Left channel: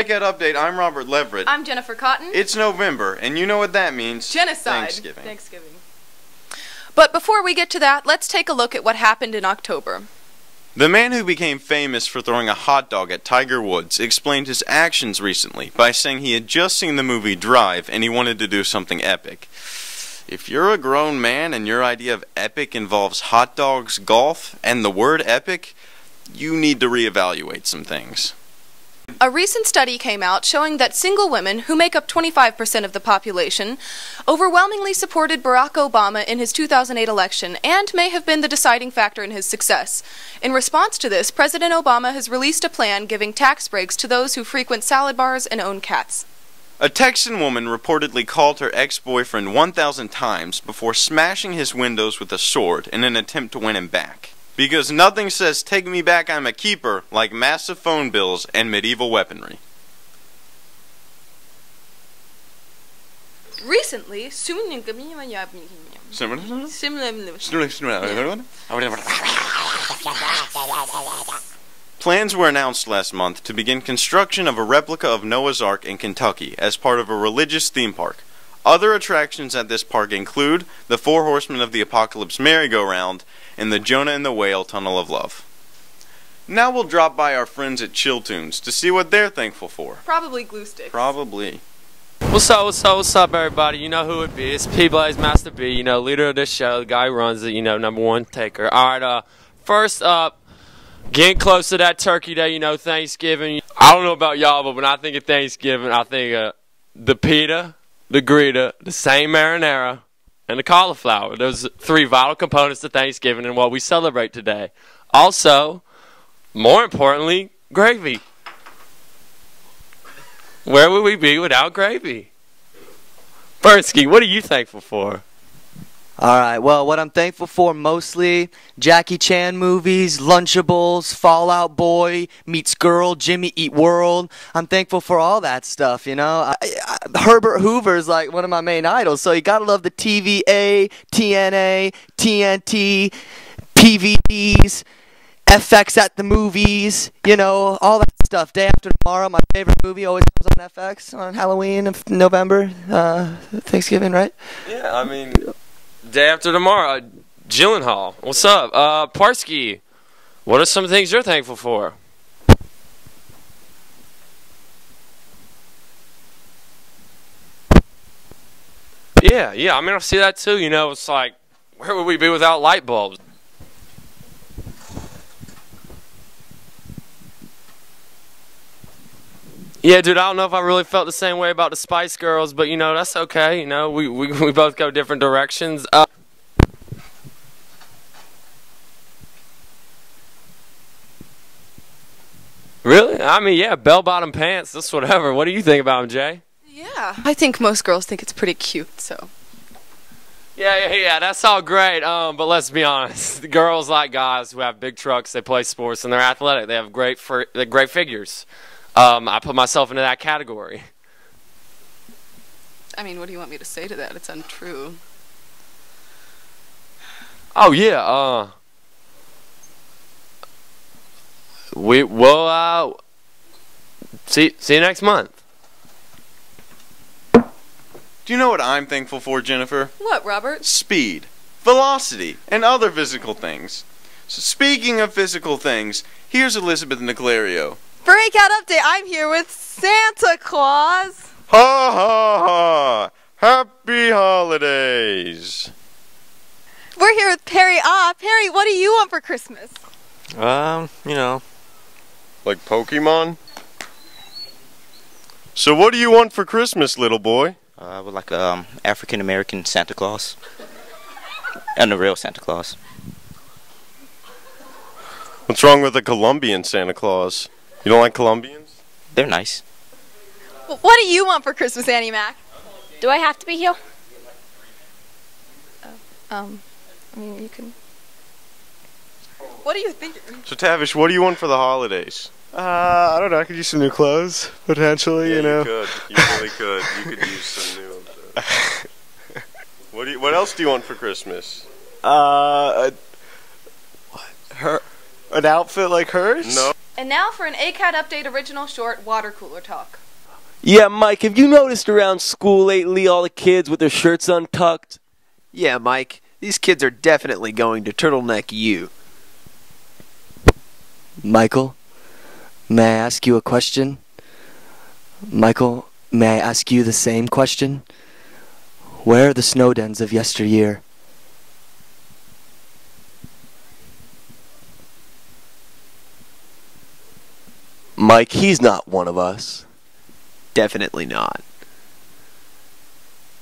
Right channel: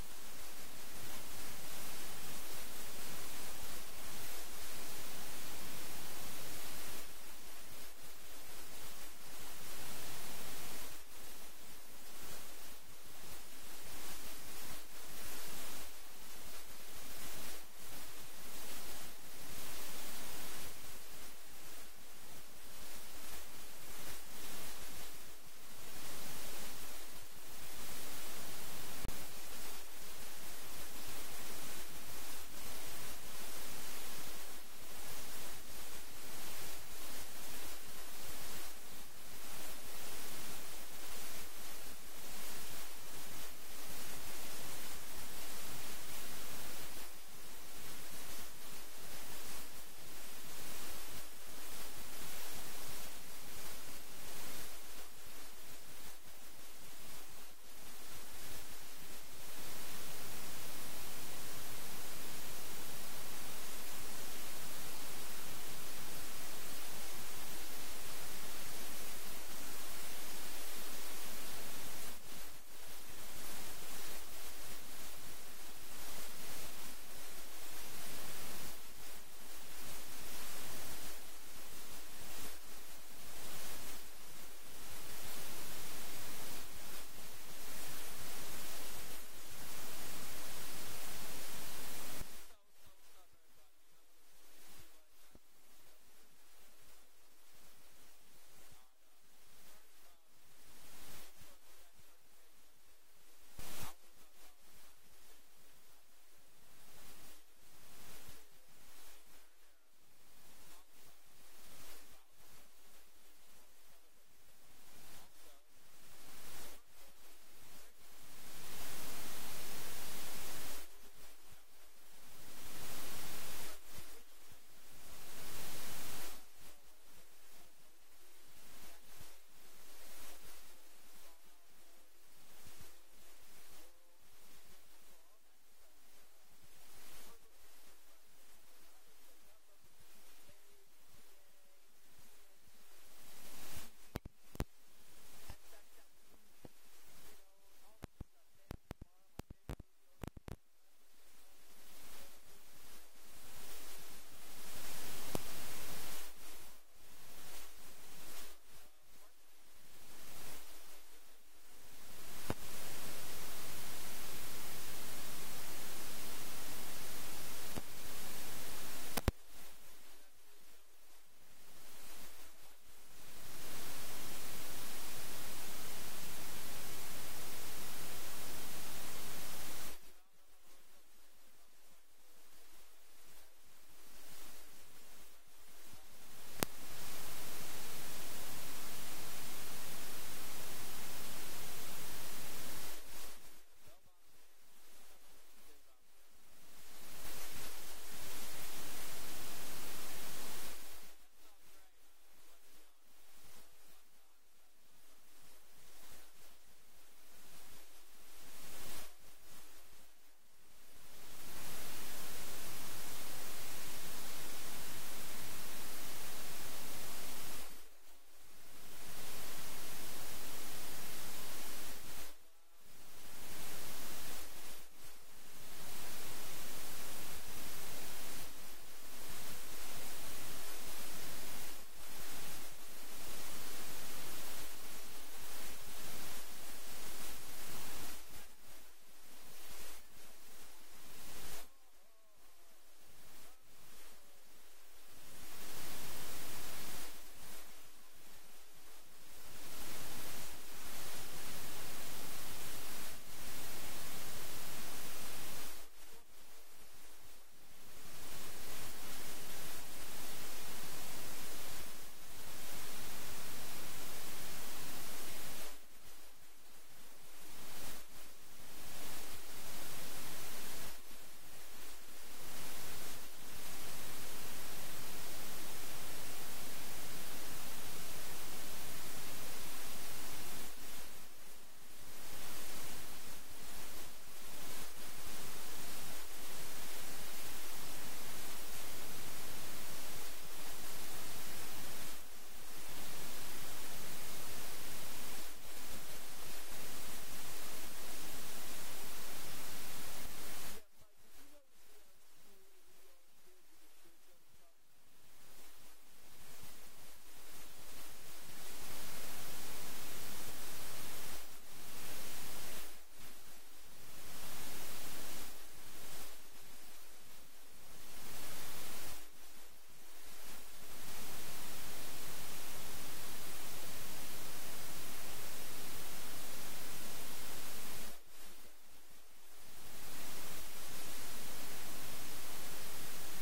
Breakout Update, I'm Robert Leverett. I'm Jennifer Cotton. It's November, and you know what that means. Genocide. Thanksgiving. But before we get to that, let's take a look at what happened in October. The man who became famous for throwing a hot dog at Tiger Woods explained his actions recently by saying he had just seen the movie Drive and he wanted to do something epic. If you're a grown man and your idea of epic involves hot dogs, golf, and the word epic, you need to reevaluate some things. A recent study came out showing that single women, who make up 25% of the population, overwhelmingly supported Barack Obama in his 2008 election and may have been the deciding factor in his success. In response to this, President Obama has released a plan giving tax breaks to those who frequent salad bars and own cats. A Texan woman reportedly called her ex-boyfriend 1,000 times before smashing his windows with a sword in an attempt to win him back. Because nothing says "take me back, I'm a keeper" like massive phone bills and medieval weaponry. Recently, plans were announced last month to begin construction of a replica of Noah's Ark in Kentucky as part of a religious theme park. Other attractions at this park include the Four Horsemen of the Apocalypse merry-go-round and the Jonah and the Whale Tunnel of Love. Now we'll drop by our friends at Chill Tunes to see what they're thankful for. Probably glue sticks. Probably. What's up, everybody? You know who it be. It's P-Blaze Master B, you know, leader of this show, the guy who runs it, you know, #1 taker. Alright, first up, getting close to that Turkey Day, you know, Thanksgiving. I don't know about y'all, but when I think of Thanksgiving, I think of the pita, the grita, the same marinara, and the cauliflower. Those 3 vital components to Thanksgiving and what we celebrate today. Also, more importantly, gravy. Where would we be without gravy? Bernsky, what are you thankful for? Alright, well, what I'm thankful for mostly, Jackie Chan movies, Lunchables, Fall Out Boy, Meets Girl, Jimmy Eat World. I'm thankful for all that stuff, you know. Herbert Hoover's like one of my main idols, so you gotta love the TVA, TNA, TNT, PVDs, FX at the movies, you know, all that stuff. Day After Tomorrow, my favorite movie, always comes on FX on Halloween of November, Thanksgiving, right? Yeah, I mean... Day After Tomorrow, Gyllenhaal. What's up? Parsky, what are some things you're thankful for? Yeah, I mean, I see that too, you know, it's like, where would we be without light bulbs? Yeah, dude, I don't know if I really felt the same way about the Spice Girls, but, you know, that's okay. You know, we both go different directions. Really? I mean, yeah, bell-bottom pants, that's whatever. What do you think about them, Jay? Yeah, I think most girls think it's pretty cute, so. Yeah, that's all great, but let's be honest. The girls like guys who have big trucks, they play sports, and they're athletic. They have great figures. I put myself into that category. I mean, what do you want me to say to that? It's untrue. Oh, yeah, we'll see you next month. Do you know what I'm thankful for, Jennifer? What, Robert? Speed, velocity, and other physical things. So speaking of physical things, here's Elizabeth Nicolario. Breakout Update, I'm here with Santa Claus. Ha ha ha! Happy holidays! We're here with Perry. Perry, what do you want for Christmas? You know. Like Pokemon? So what do you want for Christmas, little boy? I would like African-American Santa Claus. And a real Santa Claus. What's wrong with a Colombian Santa Claus? You don't like Colombians? They're nice. What do you want for Christmas, Annie Mac? Do I have to be here? I mean, you can... What do you think? So Tavish, what do you want for the holidays? I don't know. I could use some new clothes, potentially, you know. You really could. You could use some new... What else do you want for Christmas? A an outfit like hers? No. And now for an AACAD Update original short water cooler talk. Yeah, Mike, have you noticed around school lately all the kids with their shirts untucked? Yeah, Mike, these kids are definitely going to turtleneck you. Michael, may I ask you a question? Michael, may I ask you the same question? Where are the snow dens of yesteryear? Mike, he's not one of us. Definitely not.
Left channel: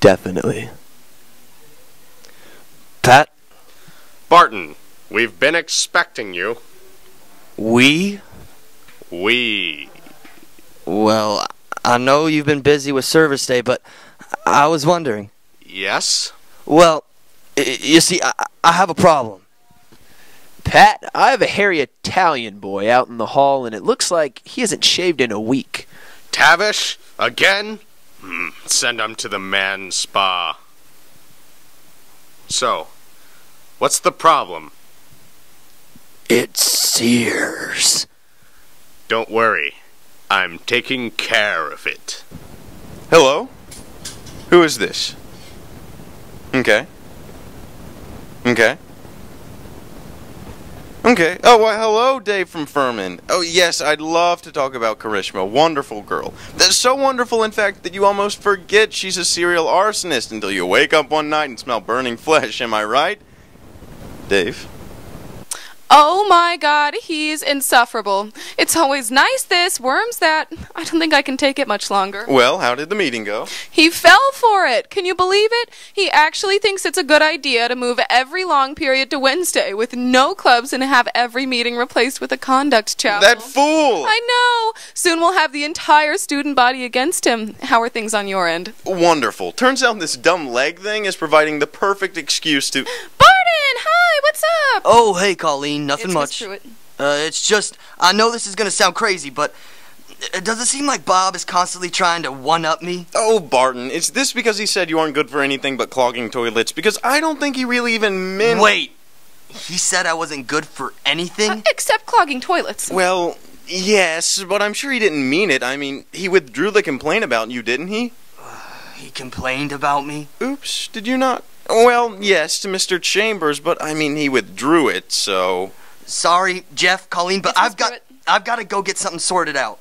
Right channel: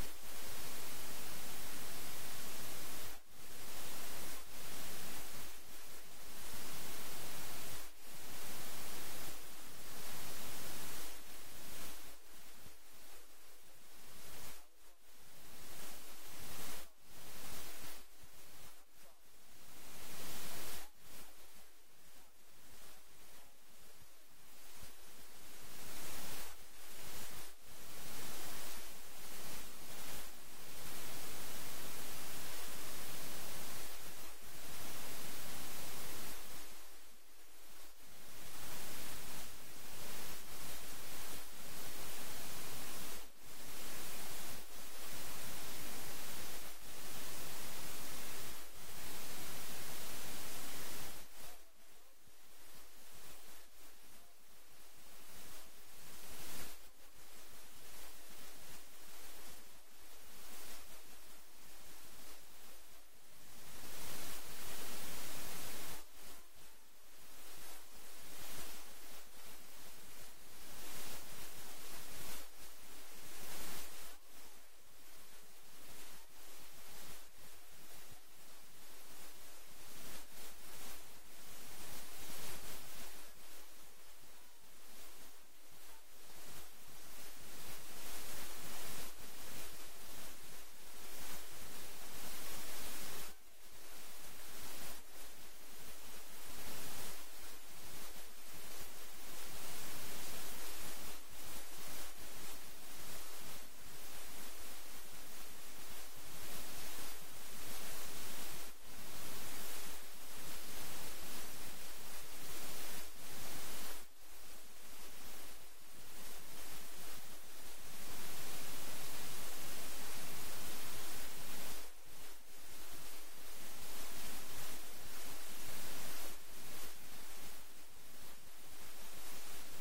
Definitely. Pat? Barton, we've been expecting you. We? We. Well, I know you've been busy with service day, but I was wondering. Yes? Well, you see, I have a problem. Pat, I have a hairy Italian boy out in the hall, and it looks like he hasn't shaved in a week. Tavish? Again? Send him to the man spa. So, what's the problem? It's Sears. Don't worry. I'm taking care of it. Hello? Who is this? Okay. Okay. Okay. Oh, well, hello, Dave from Furman. Oh, yes, I'd love to talk about Karishma. Wonderful girl. That's so wonderful, in fact, that you almost forget she's a serial arsonist until you wake up one night and smell burning flesh. Am I right? Dave? Oh my God, he's insufferable. It's always nice this, worms that. I don't think I can take it much longer. Well, how did the meeting go? He fell for it. Can you believe it? He actually thinks it's a good idea to move every long period to Wednesday with no clubs and have every meeting replaced with a conduct chapel. That fool! I know. Soon we'll have the entire student body against him. How are things on your end? Wonderful. Turns out this dumb leg thing is providing the perfect excuse to... Barton! Hi, what's up? Oh, hey, Colleen. Nothing It's much. Miss Pruitt. It's just, I know this is gonna sound crazy, but does it seem like Bob is constantly trying to one-up me? Oh, Barton, is this because he said you aren't good for anything but clogging toilets? Because I don't think he really even meant... Wait, he said I wasn't good for anything? Except clogging toilets. Well, yes, but I'm sure he didn't mean it. I mean, he withdrew the complaint about you, didn't he? He complained about me? Oops, did you not? Well, yes, to Mr. Chambers, but I mean, he withdrew it, so... Sorry, Jeff, Colleen, but It's Miss I've got to go get something sorted out.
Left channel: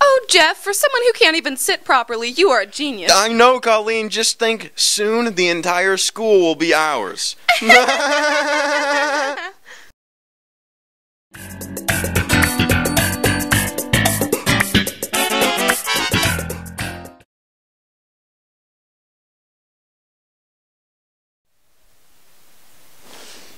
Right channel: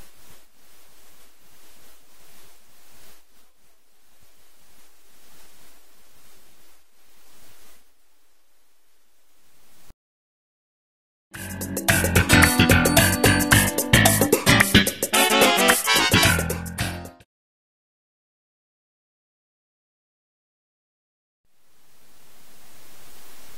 Oh, Jeff, for someone who can't even sit properly, you are a genius. I know, Colleen, just think, soon the entire school will be ours.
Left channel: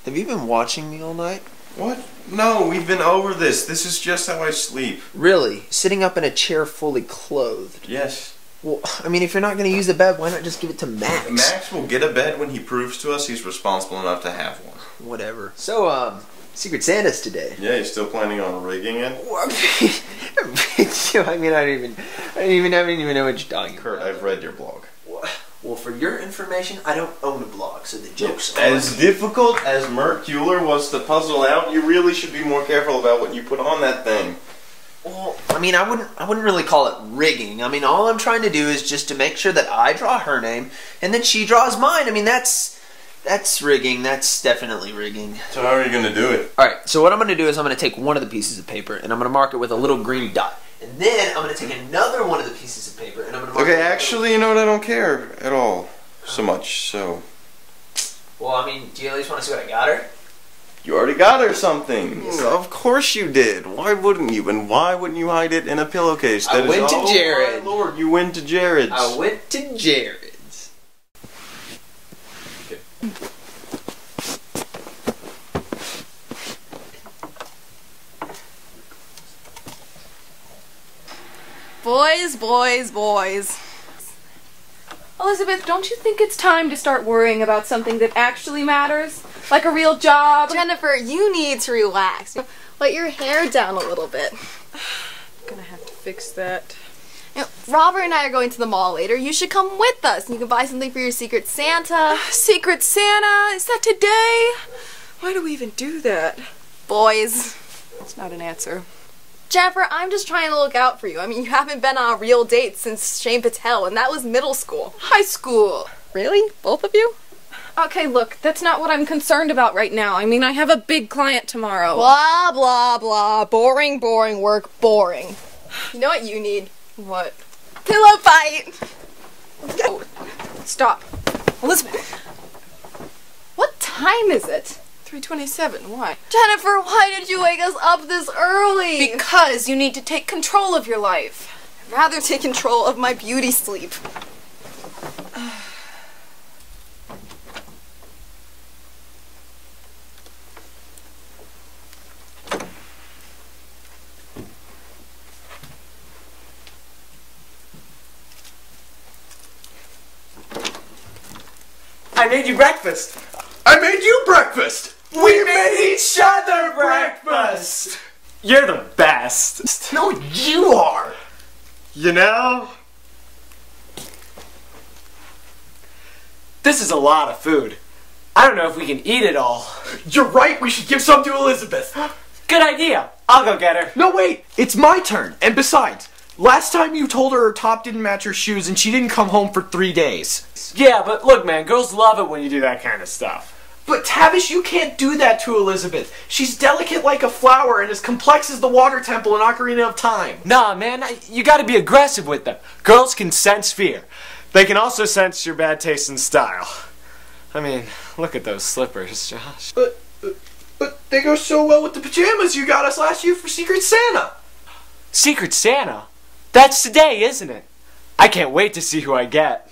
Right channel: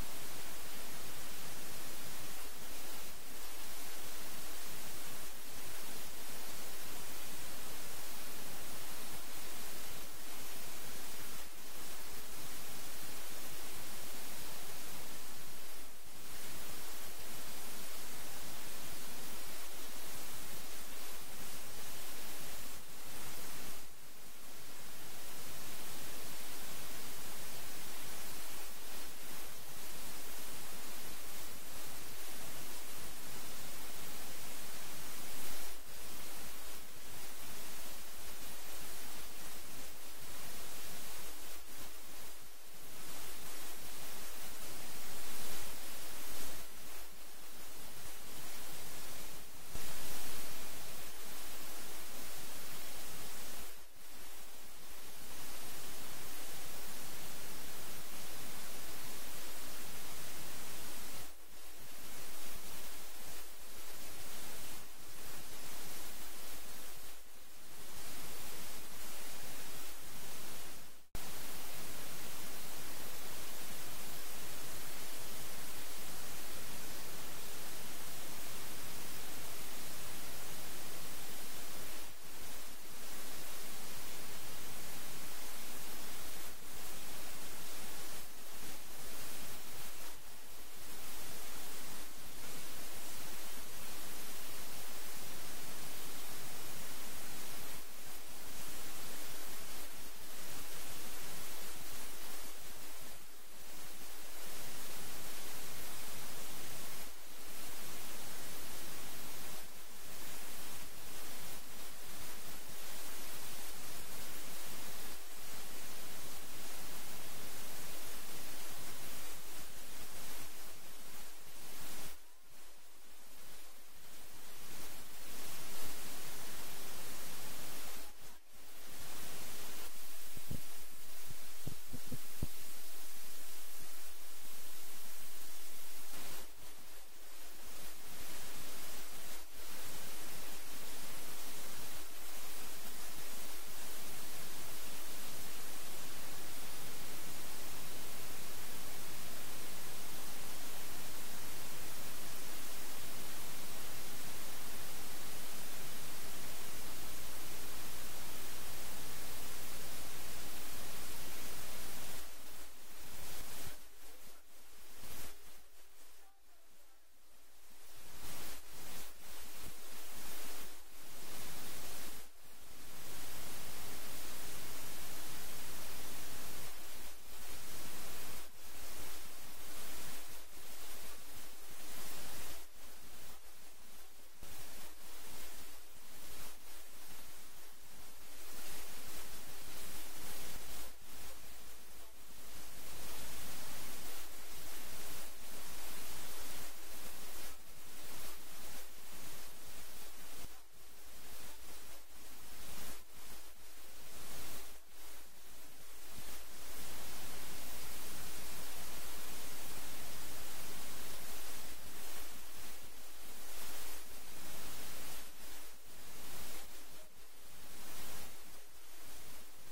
Have you been watching me all night? What? No, we've been over this. This is just how I sleep. Really? Sitting up in a chair fully clothed? Yes. Well, I mean, if you're not going to use the bed, why not just give it to Max? Max will get a bed when he proves to us he's responsible enough to have one. Whatever. So, Secret Santa's today. Yeah, he's still planning on rigging it? I mean, I don't even know what you're talking Kurt, about. I've read your blog. Well, for your information, I don't own a blog, so the joke's on As difficult as Mert Kuehler was to puzzle out, you really should be more careful about what you put on that thing. Well, I mean, I wouldn't really call it rigging. I mean, all I'm trying to do is just to make sure that I draw her name, and then she draws mine. I mean, that's rigging. That's definitely rigging. So how are you going to do it? All right, so what I'm going to do is I'm going to take one of the pieces of paper, and I'm going to mark it with a little green dot. And then I'm going to take another one of the pieces of paper, and I'm going to mark it Okay, with actually, you know what? I don't care at all so much, so... Well, I mean, do you at least want to see what I got her? You already got her something. Of course you did. Why wouldn't you? And why wouldn't you hide it in a pillowcase? I went to Jared. Oh, my Lord, you went to Jared's. I went to Jared's. Okay. Boys, boys, boys. Elizabeth, don't you think it's time to start worrying about something that actually matters? Like a real job? Jennifer, you need to relax. Let your hair down a little bit. Gonna have to fix that. You know, Robert and I are going to the mall later. You should come with us. You can buy something for your Secret Santa. Secret Santa? Is that today? Why do we even do that? Boys. That's not an answer. Jennifer, I'm just trying to look out for you. I mean, you haven't been on a real date since Shane Patel, and that was middle school. High school. Really? Both of you? Okay, look, that's not what I'm concerned about right now. I mean, I have a big client tomorrow. Blah, blah, blah. Boring, boring work, boring. You know what you need? What? Pillow fight! Oh, stop. Elizabeth. What time is it? 3:27. Why? Jennifer, why did you wake us up this early? Because you need to take control of your life. I'd rather take control of my beauty sleep. I made you breakfast. I made you breakfast! We made each other breakfast. You're the best. No, you are! You know, this is a lot of food. I don't know if we can eat it all. You're right, we should give some to Elizabeth. Good idea. I'll go get her. No, wait, it's my turn. And besides, last time you told her top didn't match her shoes and she didn't come home for 3 days. Yeah, but look, man, girls love it when you do that kind of stuff. But Tavish, you can't do that to Elizabeth. She's delicate like a flower and as complex as the water temple in Ocarina of Time. Nah, man, you gotta be aggressive with them. Girls can sense fear. They can also sense your bad taste in style. I mean, look at those slippers, Josh. But they go so well with the pajamas you got us last year for Secret Santa. Secret Santa? That's today, isn't it? I can't wait to see who I get.